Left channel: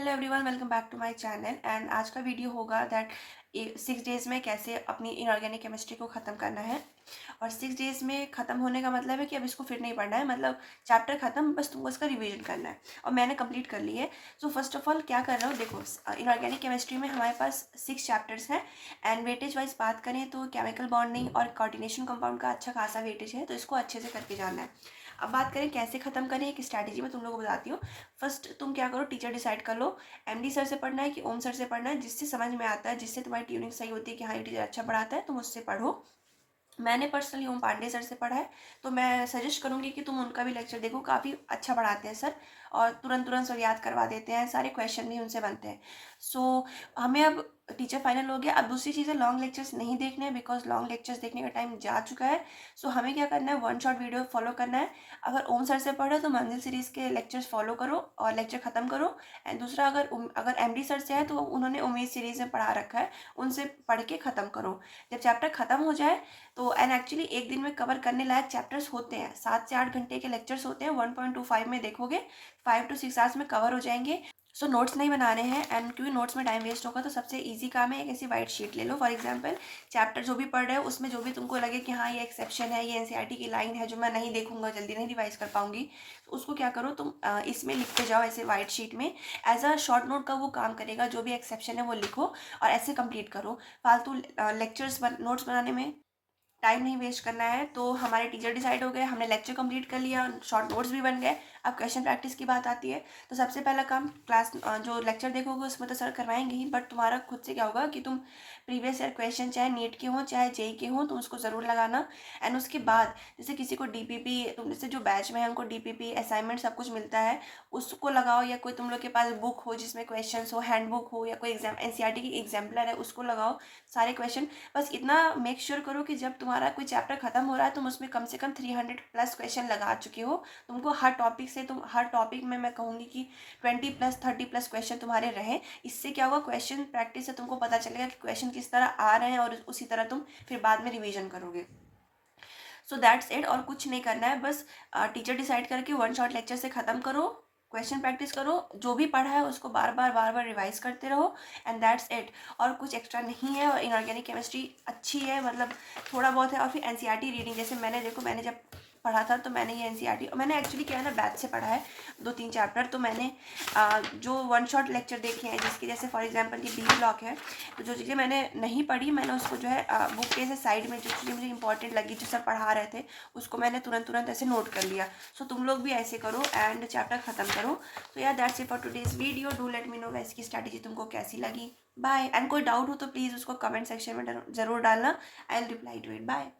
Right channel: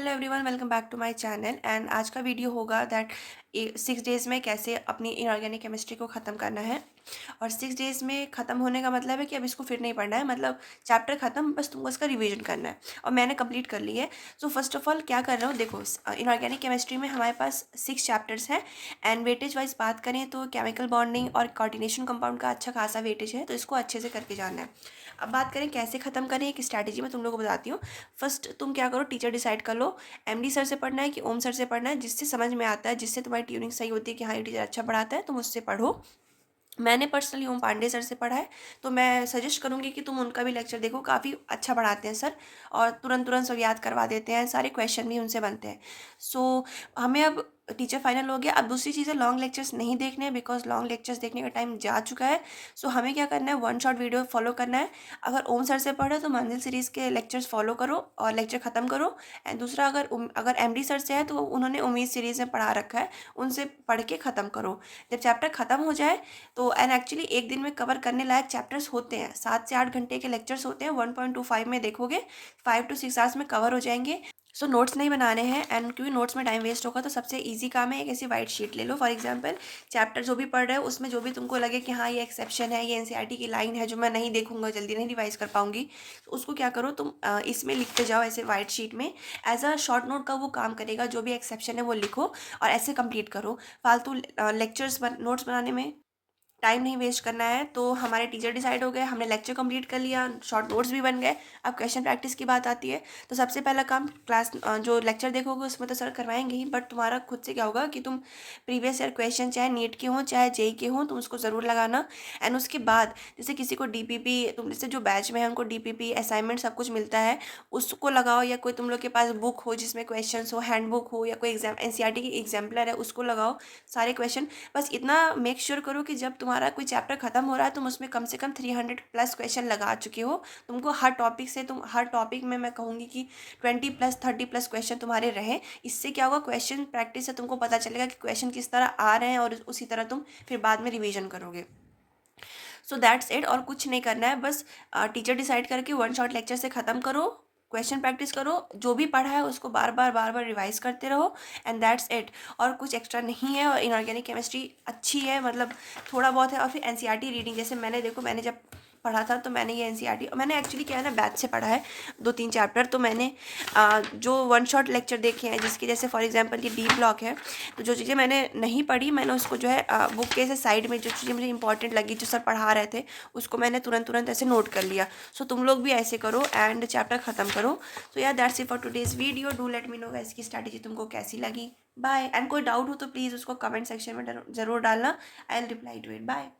Hello everyone, welcome back to my channel. And आज का video होगा दैट 6 डेज़ में कैसे अपनी इनऑर्गेनिक केमिस्ट्री को ख़त्म करना है। और 6 डेज़ में ख़त्म होने का मतलब है कि अब इसको फिर नहीं पढ़ना है, मतलब चैप्टर ख़त्म, बस तुमको इसका रिवीजन करना है। और मैंने कंप्लीट कर ली है। सो फर्स्ट ऑफ ऑल क्या कर रहा हूँ, देखो इनऑर्गेनिक केमिस्ट्री में हमारे पास 6 चैप्टर्स हैं। एंड वेटेज वाइज बात करें तो केमिकल बॉन्डिंग और कोऑर्डिनेशन कंपाउंड का अच्छा खासा वेटेज है, तो इसको अच्छे से करके जाना है। अब बात करें कैसे ख़त्म करें, एक स्ट्रैटेजी मैं तुम लोगों को बताती हूँ। फर्स्ट तुम क्या करो, टीचर डिसाइड कर लो एमडी सर से पढ़ना है कि ओम सर से पढ़ना है, जिससे समझ में आता है, जिससे तुम्हारी ट्यूनिंग सही होती है कि हाँ ये टीचर अच्छा पढ़ाता है, तुम उससे पढ़ो। मैंने पर्सनली ओम पांडे सर से पढ़ा है, तो मैं सजेस्ट करूँगी कि तुम उनका भी लेक्चर देखो, काफ़ी अच्छा पढ़ाते हैं सर। और तुरंत तुरंत सब याद करवा देते हैं, सारे क्वेश्चन भी उनसे बनते हैं। सो हमें अब टीचर फाइनल हो गया। अब दूसरी चीज़ है, लॉन्ग लेक्चर्स नहीं देखने हैं, बिकॉज लॉन्ग लेक्चर्स देखने का टाइम जा चुका है। सो हमें क्या करना है, वन शॉट वीडियो फॉलो करना है। अगर ओम सर से पढ़ो तो मंजिल सीरीज़ के लेक्चर्स फॉलो करो और लेक्चर ख़त्म करो। एंड दूसरा, अगर एमडी सर से है तो उन्होंने उम्मीद सीरीज़ में पढ़ा रखा है, उनसे पढ़ के ख़त्म करो। जब चैप्टर ख़त्म हो जाए तो एंड एक्चुअली एक दिन में कवर करने लायक चैप्टर्स होते हैं, 7 से 8 घंटे के लेक्चर्स होते हैं। 1.25 में देखोगे 5 to 6 आवर्स में कवर हो जाएंगे। सो नोट्स नहीं बनाने हैं, एंड क्योंकि नोट्स में टाइम वेस्ट होगा तो सबसे इजी काम है एक ऐसी वाइट शीट ले लो। फॉर एग्जांपल चैप्टर जो भी पढ़ रहे हो उसमें जो भी तुमको लगे कि हाँ ये एक्सेप्शन है, ये एनसीईआरटी की लाइन है जो मैं नहीं देखूंगा, जल्दी नहीं रिवाइज कर पाऊंगी, तो उसको क्या करो तुम इसमें लिखते जाओ ऐसे वाइट शीट में। एज अ शॉर्ट नोट का वो काम करेगा, जो भी एक्सेप्शन है वो लिखो और ऐसे कंप्लीट करो। फालतू लेक्चर्स नोट्स बनाने में टाइम नहीं वेस्ट करना है। तो हमारे टीचर डिसाइड हो गए, हमने लेक्चर कंप्लीट कर लिया, शॉर्ट नोट्स भी बन गए। अब क्वेश्चन प्रैक्टिस की बात आती है, तो सबसे पहला काम क्लास जो लेक्चर देखोगे उसमें तो सर करवाएंगे ही, बट तुम्हारा खुद से क्या होगा कि तुम प्रीवियस ईयर क्वेश्चन चाहे नीट के हों चाहे जेई के हों, तुम उसको ज़रूर लगाना। एंड उसके बाद जैसे किसी को डीपीपी, तुम जैसे जो बैच में है उनको डीपीपी असाइनमेंट सब कुछ मिलता है, उसको लगाओ। या कोई तुम लोग के पास बुक हो जिसमें क्वेश्चन हो, हैंड बुक हो, या कोई एग्जाम एनसीईआरटी की एग्जाम्पलर है उसको लगाओ, सारे क्वेश्चन। बस इतना मेक श्योर करो कि जब तुम्हारा कोई चैप्टर खत्म हो रहा है तुम उसमें कम से कम 300+ क्वेश्चन लगा चुके हो। तुमको हर टॉपिक से, तुम हर टॉपिक में मैं कहूँगी कि 20+30+ क्वेश्चन तुम्हारे रहें। इससे क्या होगा, क्वेश्चन प्रैक्टिस से तुमको पता चलेगा कि क्वेश्चन किस तरह आ रहे हैं, और उसी तरह तुम फिर बाद में रिवीजन करोगे। सो दैट्स इट, और कुछ नहीं करना है। बस टीचर डिसाइड करके वन शॉट लेक्चर से ख़त्म करो, क्वेश्चन प्रैक्टिस करो, जो भी पढ़ा है उसको बार बार रिवाइज करते रहो, एंड दैट्स इट। और कुछ एक्स्ट्रा नहीं है। और इनऑर्गेनिक केमिस्ट्री अच्छी है, मतलब थोड़ा बहुत है। और फिर एनसीईआरटी रीडिंग, जैसे मैंने देखो, मैंने जब पढ़ा था तो मैंने ये एनसीईआरटी, मैंने एक्चुअली क्या है ना, बैच से पढ़ा है 2-3 चैप्टर। तो मैंने जो वन शॉट लेक्चर देखे हैं, जिसके जैसे फॉर एग्जांपल ये बी ब्लॉक है, तो जो चीज़ें मैंने नहीं पढ़ी मैंने उसको जो है बुक के ऐसे साइड में जो चीज़ें मुझे इंपॉर्टेंट लगी, जो सर पढ़ा रहे थे, उसको मैंने तुरंत तुरंत ऐसे नोट कर लिया। सो तुम लोग भी ऐसे करो एंड चैप्टर ख़त्म करो। सो यार that's it for today's video. Do let me know guys इसकी स्ट्रैटेजी तुमको कैसी लगी। बाय। एंड कोई डाउट हो तो प्लीज़ उसको कमेंट सेक्शन में ज़रूर डालना, I will reply to it. Bye.